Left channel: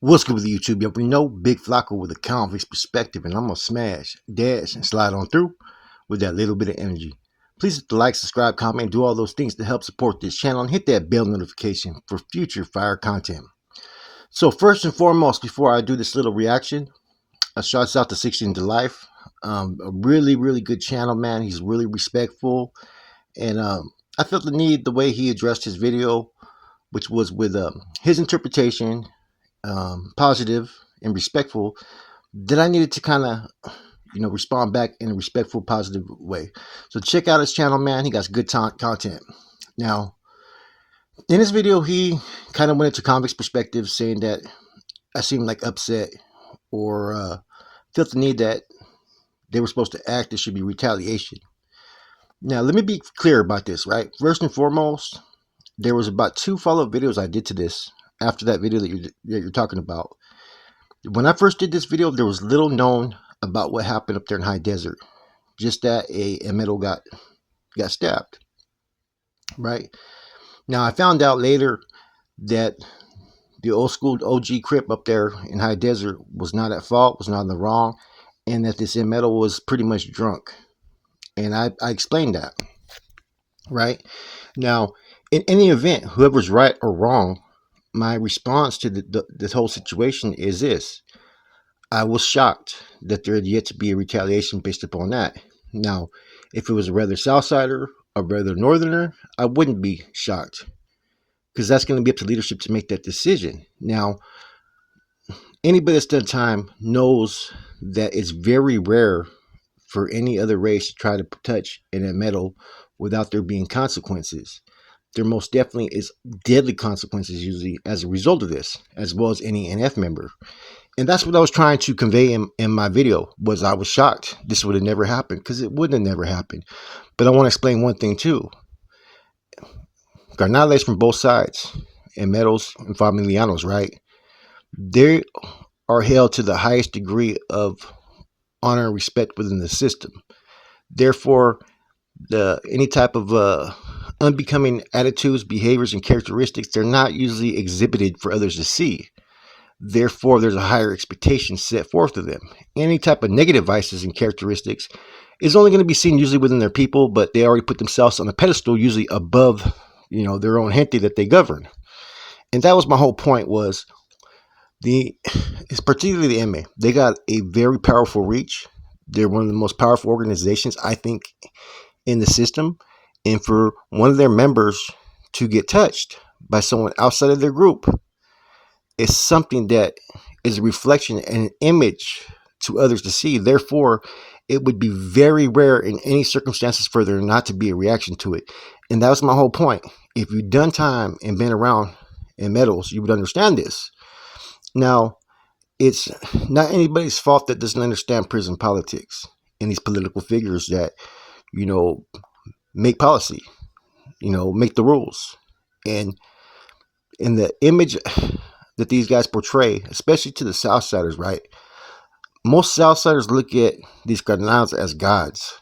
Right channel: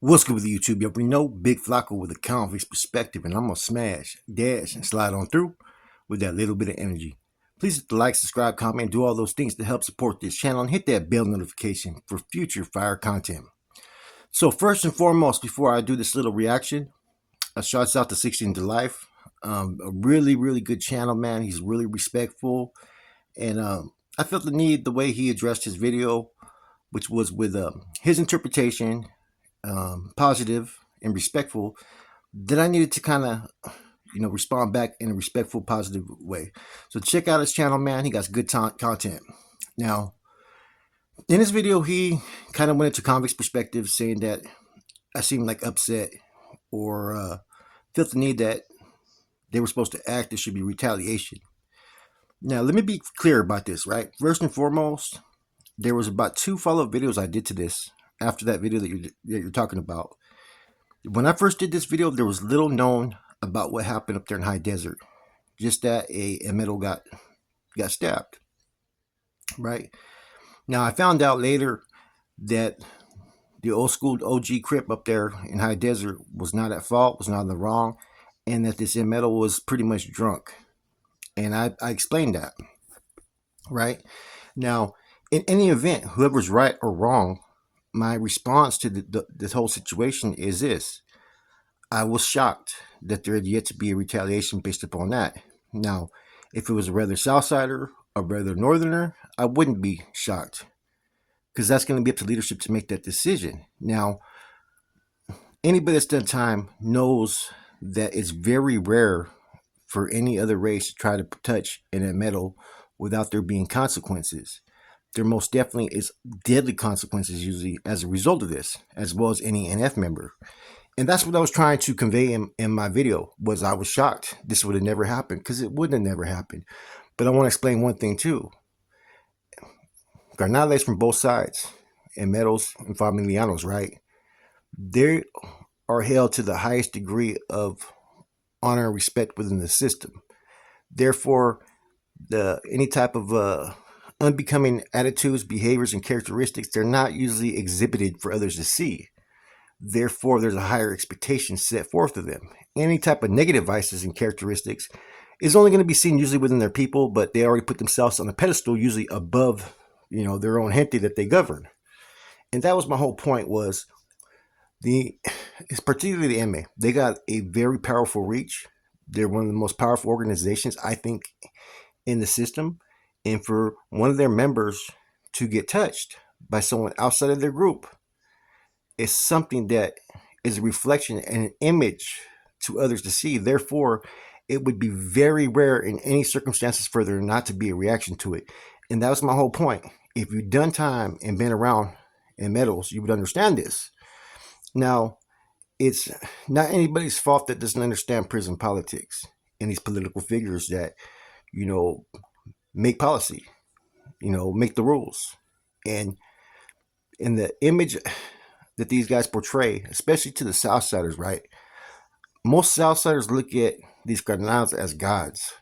What's good with the YouTube? Yo, we know Big Flacco with a convict's perspective, and I'm gonna smash, dash, and slide on through with that little bit of energy. Please hit the like, subscribe, comment, and do all those things to help support this channel, and hit that bell notification for future fire content. So first and foremost, before I do this little reaction, a shouts out to 16 to Life. A really good channel, man. He's really respectful, and I felt the need the way he addressed his video, which was with his interpretation, positive and respectful, that I needed to kind of, respond back in a respectful, positive way. So check out his channel, man. He got good content. Now, in this video, he kind of went into convict's perspective, saying that I seemed like upset or felt the need that they were supposed to act. There should be retaliation. Now, let me be clear about this, right? First and foremost, there was about 2 follow-up videos I did to this after that video that you're talking about. When I first did this video, there was little known about what happened up there in High Desert. Just that a metal got stabbed, right? Now, I found out later that the old school OG Crip up there in High Desert was not at fault, was not in the wrong, and that this metal was pretty much drunk. And I explained that, right? Now, in any event, whoever's right or wrong, my response to this whole situation is this. I was shocked that there had yet to be a retaliation based upon that. Now, if it was a rather Southsider or rather Northerner, I wouldn't be shocked, because that's going to be up to leadership to make that decision. Now, anybody that's done time knows that it's very rare for any other race to try to touch in a metal without there being consequences. There most definitely is deadly consequences usually as a result of this, as well as any NF member. And that's what I was trying to convey in my video, was I was shocked this would have never happened, because it wouldn't have never happened. But I want to explain one thing too. Carnales from both sides, and metals and familianos, right? They are held to the highest degree of honor and respect within the system. Therefore, any type of unbecoming attitudes, behaviors, and characteristics, they're not usually exhibited for others to see. Therefore, there's a higher expectation set forth of them. Any type of negative vices and characteristics is only going to be seen usually within their people, but they already put themselves on a pedestal, usually above, their own gente that they govern. And that was my whole point, was it's particularly the MA. They got a very powerful reach. They're one of the most powerful organizations, I think, in the system. And for one of their members to get touched by someone outside of their group is something that is a reflection and an image to others to see. Therefore, it would be very rare in any circumstances for there not to be a reaction to it. And that was my whole point. If you've done time and been around in metals, you would understand this. Now, it's not anybody's fault that doesn't understand prison politics and these political figures that, make policy, make the rules. And in the image that these guys portray, especially to the Southsiders, right? Most Southsiders look at these cardenals as gods.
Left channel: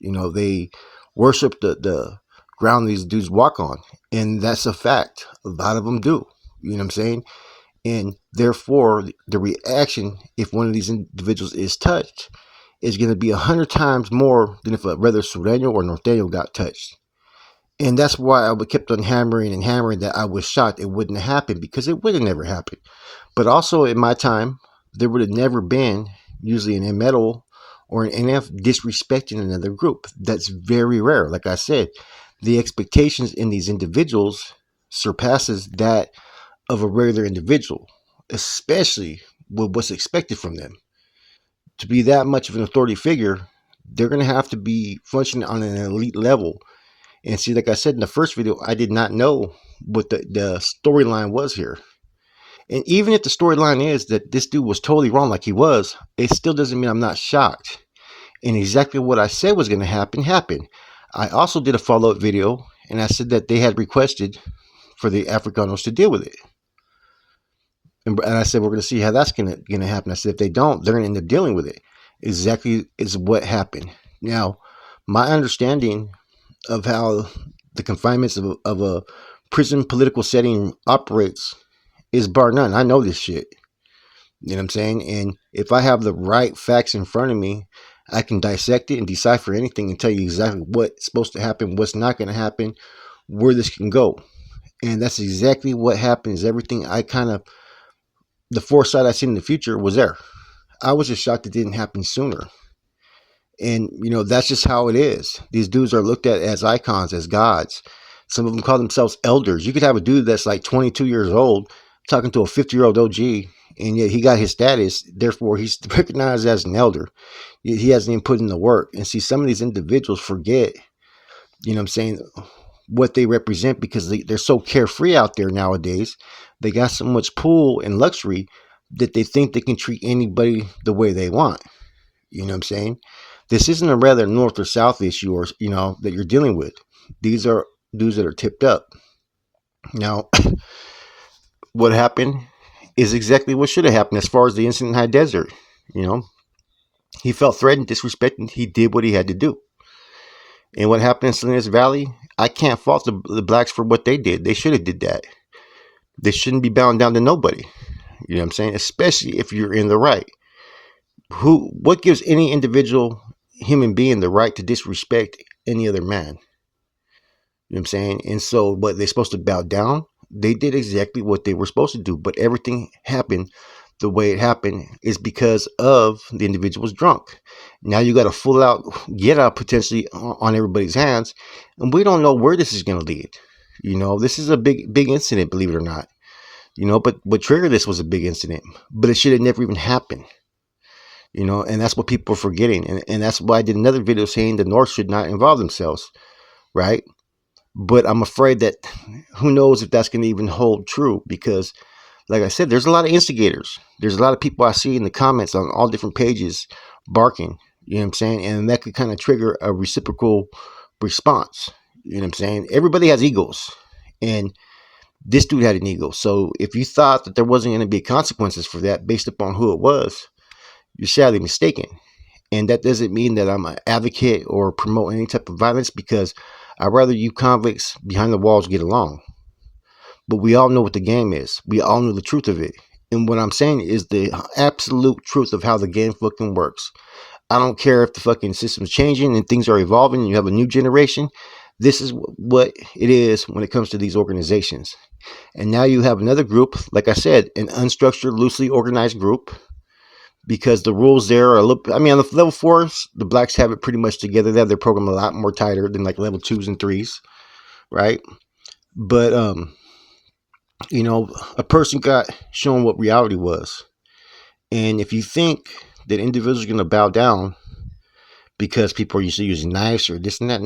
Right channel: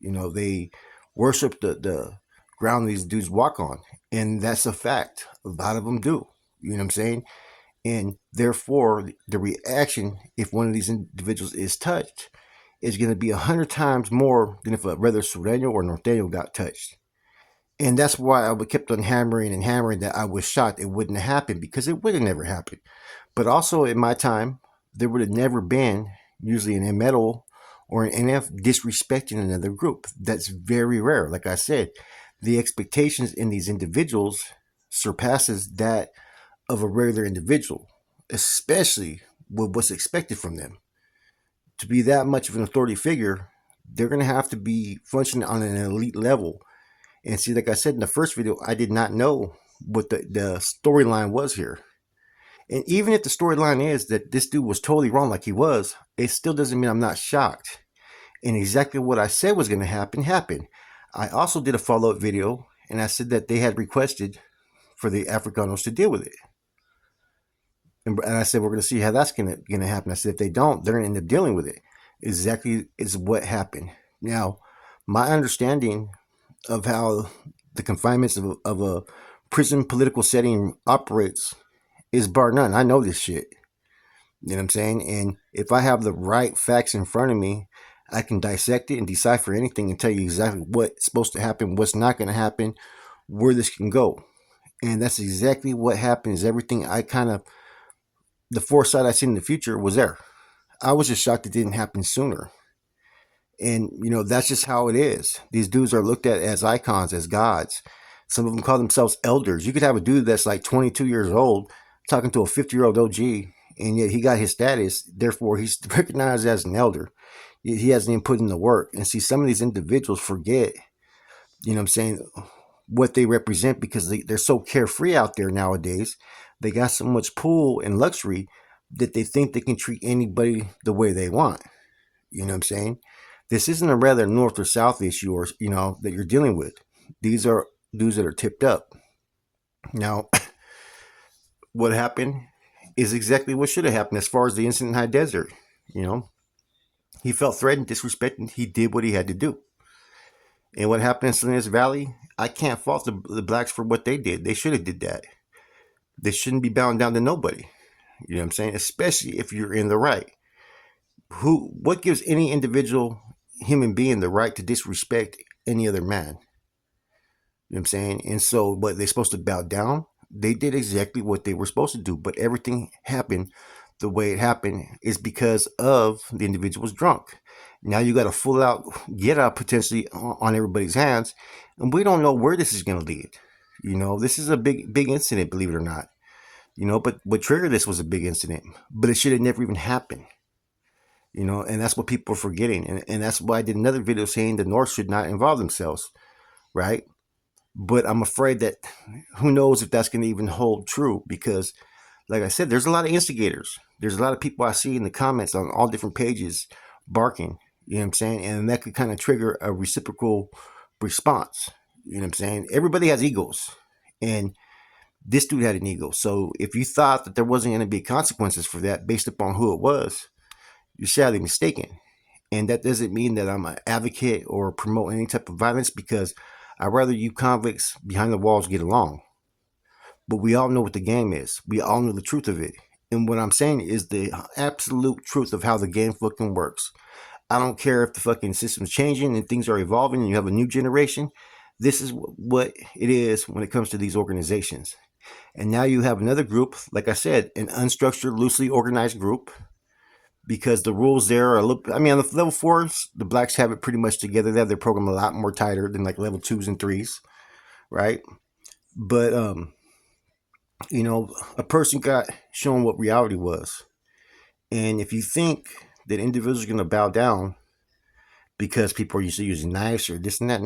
They worship the ground these dudes walk on. And that's a fact. A lot of them do. You know what I'm saying? And therefore, the reaction, if one of these individuals is touched, is going to be 100 times more than if a rather Sureño or Norteño got touched. And that's why I kept on hammering and hammering that I was shocked it wouldn't happen, because it would have never happened. But also in my time, there would have never been usually an metal or an NF disrespecting another group. That's very rare. Like I said, the expectations in these individuals surpasses that of a regular individual, especially with what's expected from them. To be that much of an authority figure, they're going to have to be functioning on an elite level. And see, like I said in the first video, I did not know what the storyline was here. And even if the storyline is that this dude was totally wrong like he was, it still doesn't mean I'm not shocked. And exactly what I said was going to happen, happened. I also did a follow-up video, and I said that they had requested for the Africanos to deal with it. And I said, we're going to see how that's going to happen. I said, if they don't, they're going to end up dealing with it. Exactly is what happened. Now, my understanding of how the confinements of a prison political setting operates is bar none. I know this shit. You know what I'm saying? And if I have the right facts in front of me, I can dissect it and decipher anything and tell you exactly what's supposed to happen, what's not going to happen, where this can go. And that's exactly what happens. Everything I kind of, the foresight I seen in the future was there. I was just shocked it didn't happen sooner. And, that's just how it is. These dudes are looked at as icons, as gods. Some of them call themselves elders. You could have a dude that's like 22 years old talking to a 50-year-old OG, and yet he got his status. Therefore, he's recognized as an elder. He hasn't even put in the work. And see, some of these individuals forget, what they represent because they're so carefree out there nowadays. They got so much pull and luxury that they think they can treat anybody the way they want. You know what I'm saying? This isn't a rather north or south issue or, that you're dealing with. These are dudes that are tipped up. Now, what happened is exactly what should have happened as far as the incident in High Desert. He felt threatened, disrespected. He did what he had to do. And what happened in Salinas Valley, I can't fault the blacks for what they did. They should have did that. They shouldn't be bound down to nobody. You know what I'm saying? Especially if you're in the right. What gives any individual human being the right to disrespect any other man? You know what I'm saying? And so, but they're supposed to bow down. They did exactly what they were supposed to do, but everything happened the way it happened is because of the individual's drunk. Now you got a full out get out potentially on everybody's hands, and we don't know where this is going to lead. This is a big incident, believe it or not. But what triggered this was a big incident, but it should have never even happened. And that's what people are forgetting. And that's why I did another video saying the North should not involve themselves, right? But I'm afraid that who knows if that's going to even hold true because, like I said, there's a lot of instigators. There's a lot of people I see in the comments on all different pages barking, you know what I'm saying? And that could kind of trigger a reciprocal response, you know what I'm saying? Everybody has egos, and this dude had an ego. So if you thought that there wasn't going to be consequences for that based upon who it was, you're sadly mistaken. And that doesn't mean that I'm an advocate or promote any type of violence because I'd rather you convicts behind the walls get along. But we all know what the game is. We all know the truth of it. And what I'm saying is the absolute truth of how the game fucking works. I don't care if the fucking system's changing and things are evolving and you have a new generation. This is what it is when it comes to these organizations. And now you have another group, like I said, an unstructured, loosely organized group. Because the rules there are a little, on the level 4s, the blacks have it pretty much together. They have their program a lot more tighter than like level 2s and 3s, right? But, a person got shown what reality was. And if you think that individuals are going to bow down because people are used to using knives or this and that, a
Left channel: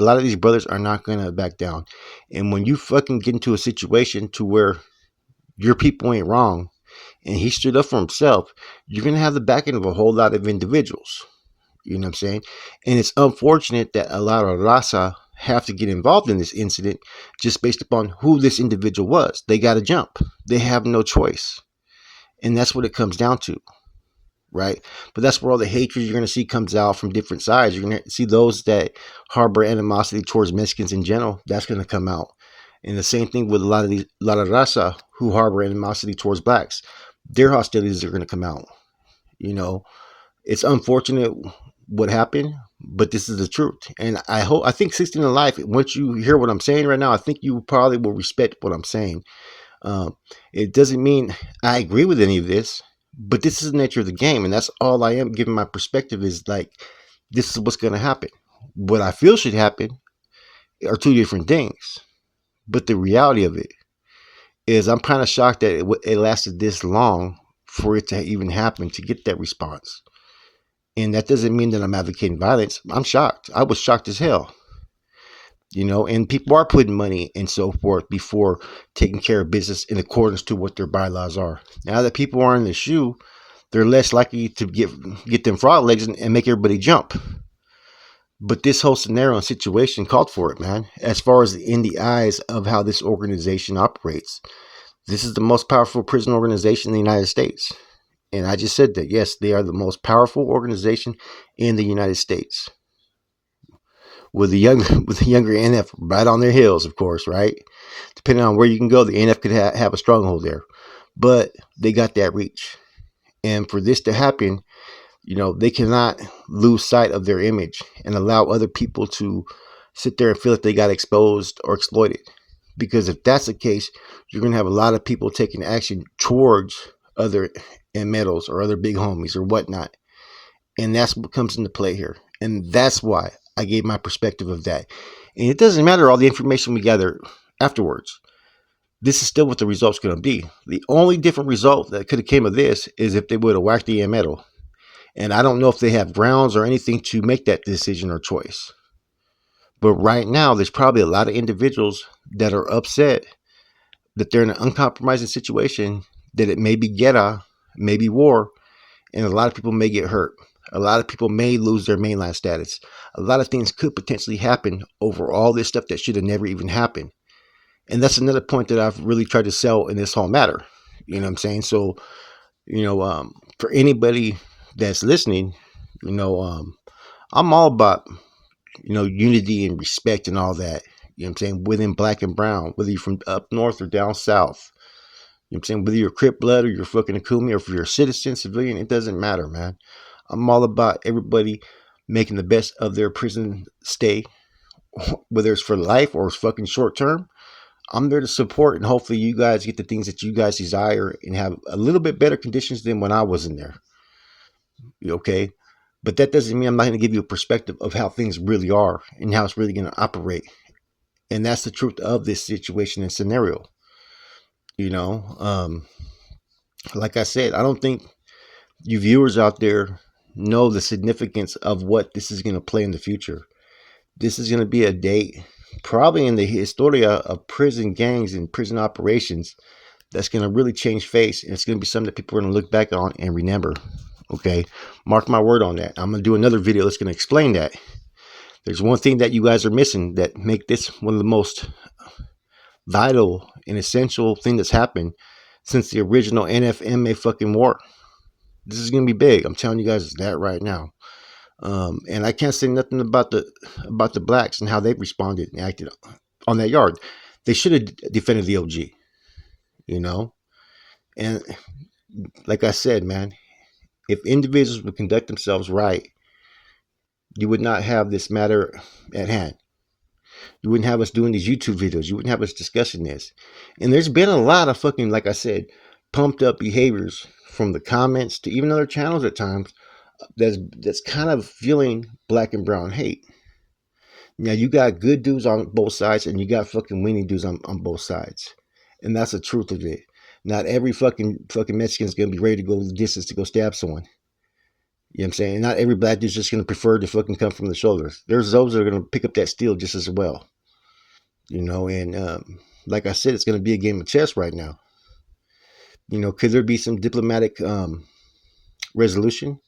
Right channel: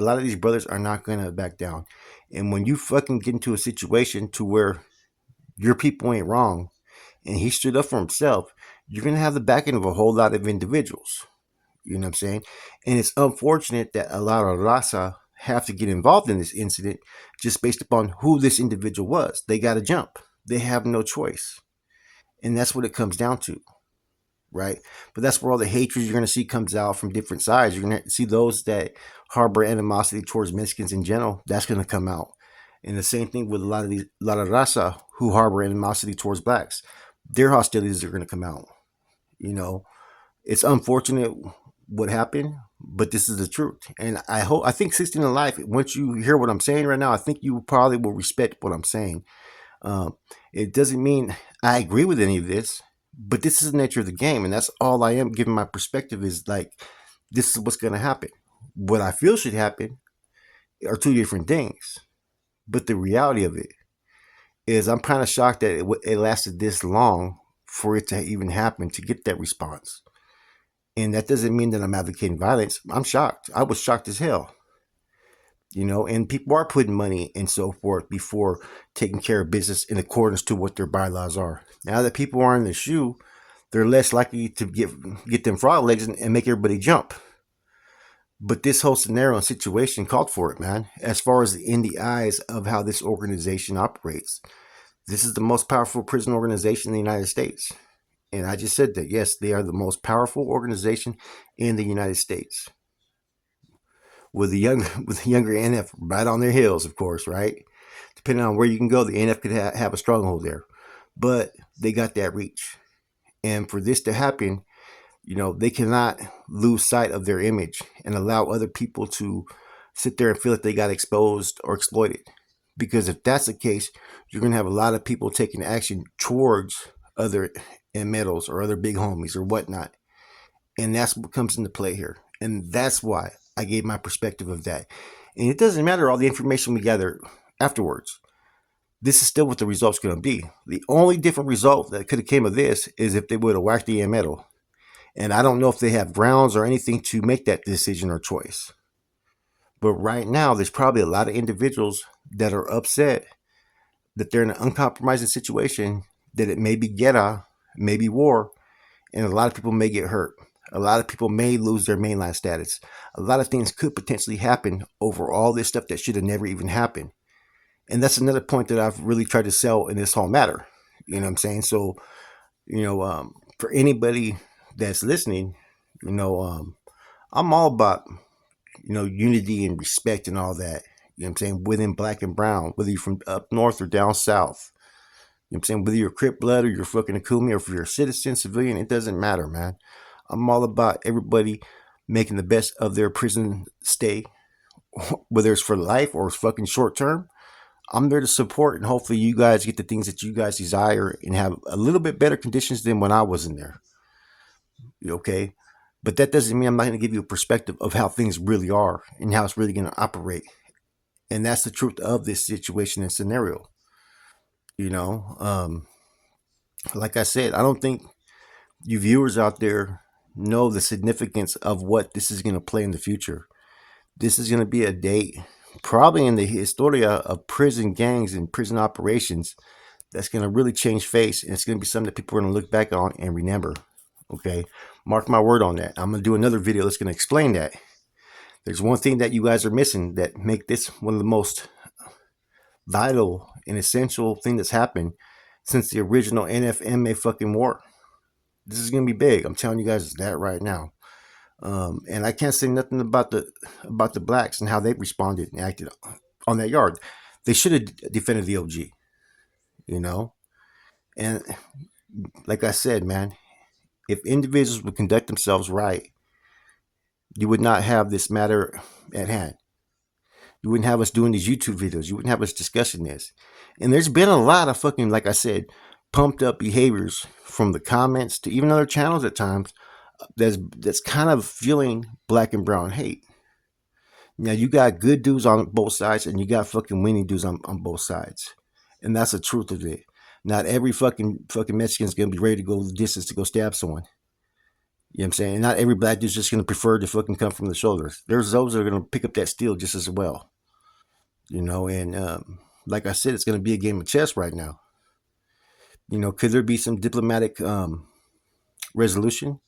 lot of these brothers are not going to back down. And when you fucking get into a situation to where your people ain't wrong, and he stood up for himself, you're going to have the backing of a whole lot of individuals. You know what I'm saying? And it's unfortunate that a lot of Raza have to get involved in this incident just based upon who this individual was. They got to jump. They have no choice. And that's what it comes down to, right? But that's where all the hatred you're going to see comes out from different sides. You're going to see those that harbor animosity towards Mexicans in general. That's going to come out. And the same thing with a lot of Raza who harbor animosity towards blacks. Their hostilities are going to come out. It's unfortunate what happened, but this is the truth. And I think 16 in life, once you hear what I'm saying right now, I think you probably will respect what I'm saying. It doesn't mean I agree with any of this, but this is the nature of the game. And that's all I am giving my perspective is like, this is what's going to happen. What I feel should happen are two different things. But the reality of it is I'm kind of shocked that it lasted this long for it to even happen, to get that response. And that doesn't mean that I'm advocating violence. I'm shocked. I was shocked as hell. And people are putting money and so forth before taking care of business in accordance to what their bylaws are. Now that people are in the shoe, they're less likely to get them frog legs and make everybody jump. But this whole scenario and situation called for it, man. As far as in the eyes of how this organization operates, this is the most powerful prison organization in the United States. And I just said that, yes, they are the most powerful organization in the United States. With the younger NF right on their heels, of course, right? Depending on where you can go, the NF could have a stronghold there. But they got that reach. And for this to happen, they cannot lose sight of their image and allow other people to sit there and feel that they got exposed or exploited. Because if that's the case, you're going to have a lot of people taking action towards other metals or other big homies or whatnot. And that's what comes into play here. And that's why I gave my perspective of that. And it doesn't matter all the information we gather afterwards. This is still what the result's going to be. The only different result that could have came of this is if they would have whacked the metal. And I don't know if they have grounds or anything to make that decision or choice. But right now, there's probably a lot of individuals that are upset that they're in an uncompromising situation, that it may be ghetto, maybe war, and a lot of people may get hurt. A lot of people may lose their mainland status. A lot of things could potentially happen over all this stuff that should have never even happened. And that's another point that I've really tried to sell in this whole matter. You know what I'm saying? So, for anybody that's listening, I'm all about, unity and respect and all that. You know what I'm saying? Within black and brown, whether you're from up north or down south. You know what I'm saying? Whether you're Crip blood or you're fucking Akumi or if you're a citizen, civilian, it doesn't matter, man. I'm all about everybody making the best of their prison stay, whether it's for life or it's fucking short term. I'm there to support, and hopefully you guys get the things that you guys desire and have a little bit better conditions than when I was in there. Okay? But that doesn't mean I'm not going to give you a perspective of how things really are and how it's really going to operate. And that's the truth of this situation and scenario. Like I said, I don't think you viewers out there know the significance of what this is going to play in the future. This is going to be a date, probably in the historia of prison gangs and prison operations, that's going to really change face. And it's going to be something that people are going to look back on and remember. Okay, mark my word on that. I'm going to do another video that's going to explain that. There's one thing that you guys are missing that make this one of the most vital and essential thing that's happened since the original NFMA fucking war. This is going to be big. I'm telling you guys that right now. And I can't say nothing about the blacks and how they responded and acted on that yard. They should have defended the OG, And like I said, man, if individuals would conduct themselves right, you would not have this matter at hand. You wouldn't have us doing these YouTube videos. You wouldn't have us discussing this. And there's been a lot of fucking, like I said, pumped up behaviors from the comments to even other channels at times that's kind of fueling black and brown hate. Now, you got good dudes on both sides and you got fucking weenie dudes on both sides. And that's the truth of it. Not every fucking Mexican is going to be ready to go the distance to go stab someone. You know what I'm saying? Not every black dude's just going to prefer to fucking come from the shoulders. There's those that are going to pick up that steel just as well. And like I said, it's going to be a game of chess right now. Could there be some diplomatic resolution?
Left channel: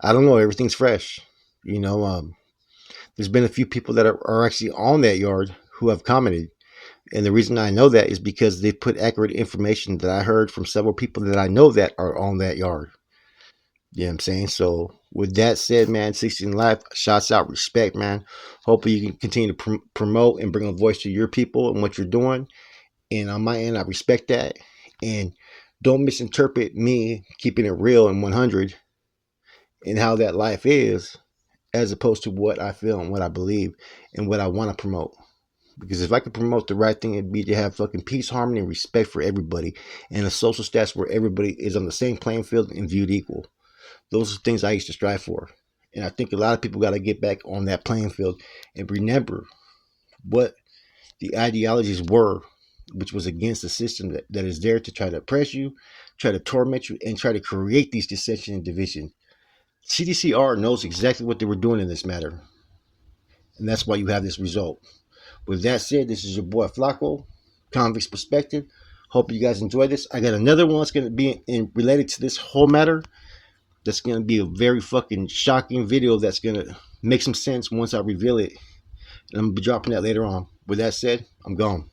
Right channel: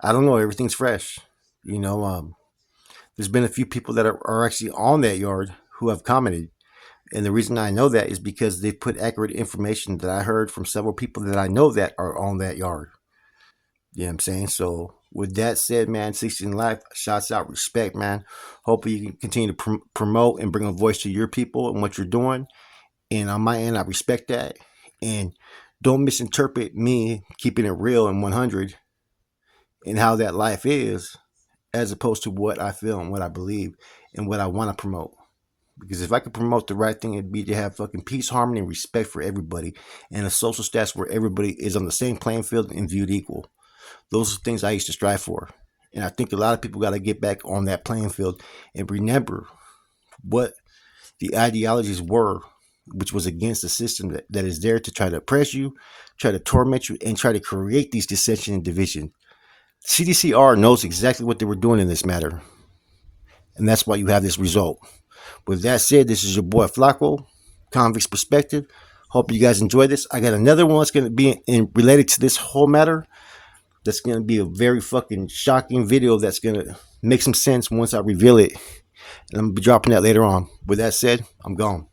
I don't know. Everything's fresh. There's been a few people that are actually on that yard who have commented. And the reason I know that is because they put accurate information that I heard from several people that I know that are on that yard. You know what I'm saying? So with that said, man, 16 Life, shouts out, respect, man. Hopefully you can continue to promote and bring a voice to your people and what you're doing. And on my end, I respect that. And don't misinterpret me keeping it real and 100 and how that life is, as opposed to what I feel and what I believe and what I want to promote. Because if I could promote the right thing, it'd be to have fucking peace, harmony, and respect for everybody and a social status where everybody is on the same playing field and viewed equal. Those are things I used to strive for. And I think a lot of people got to get back on that playing field and remember what the ideologies were, which was against the system that is there to try to oppress you, try to torment you, and try to create these dissension and division. CDCR knows exactly what they were doing in this matter. And that's why you have this result. With that said, this is your boy Flacco, Convict's Perspective. Hope you guys enjoy this. I got another one that's going to be related to this whole matter. That's going to be a very fucking shocking video that's going to make some sense once I reveal it. And I'm going to be dropping that later on. With that said, I'm gone.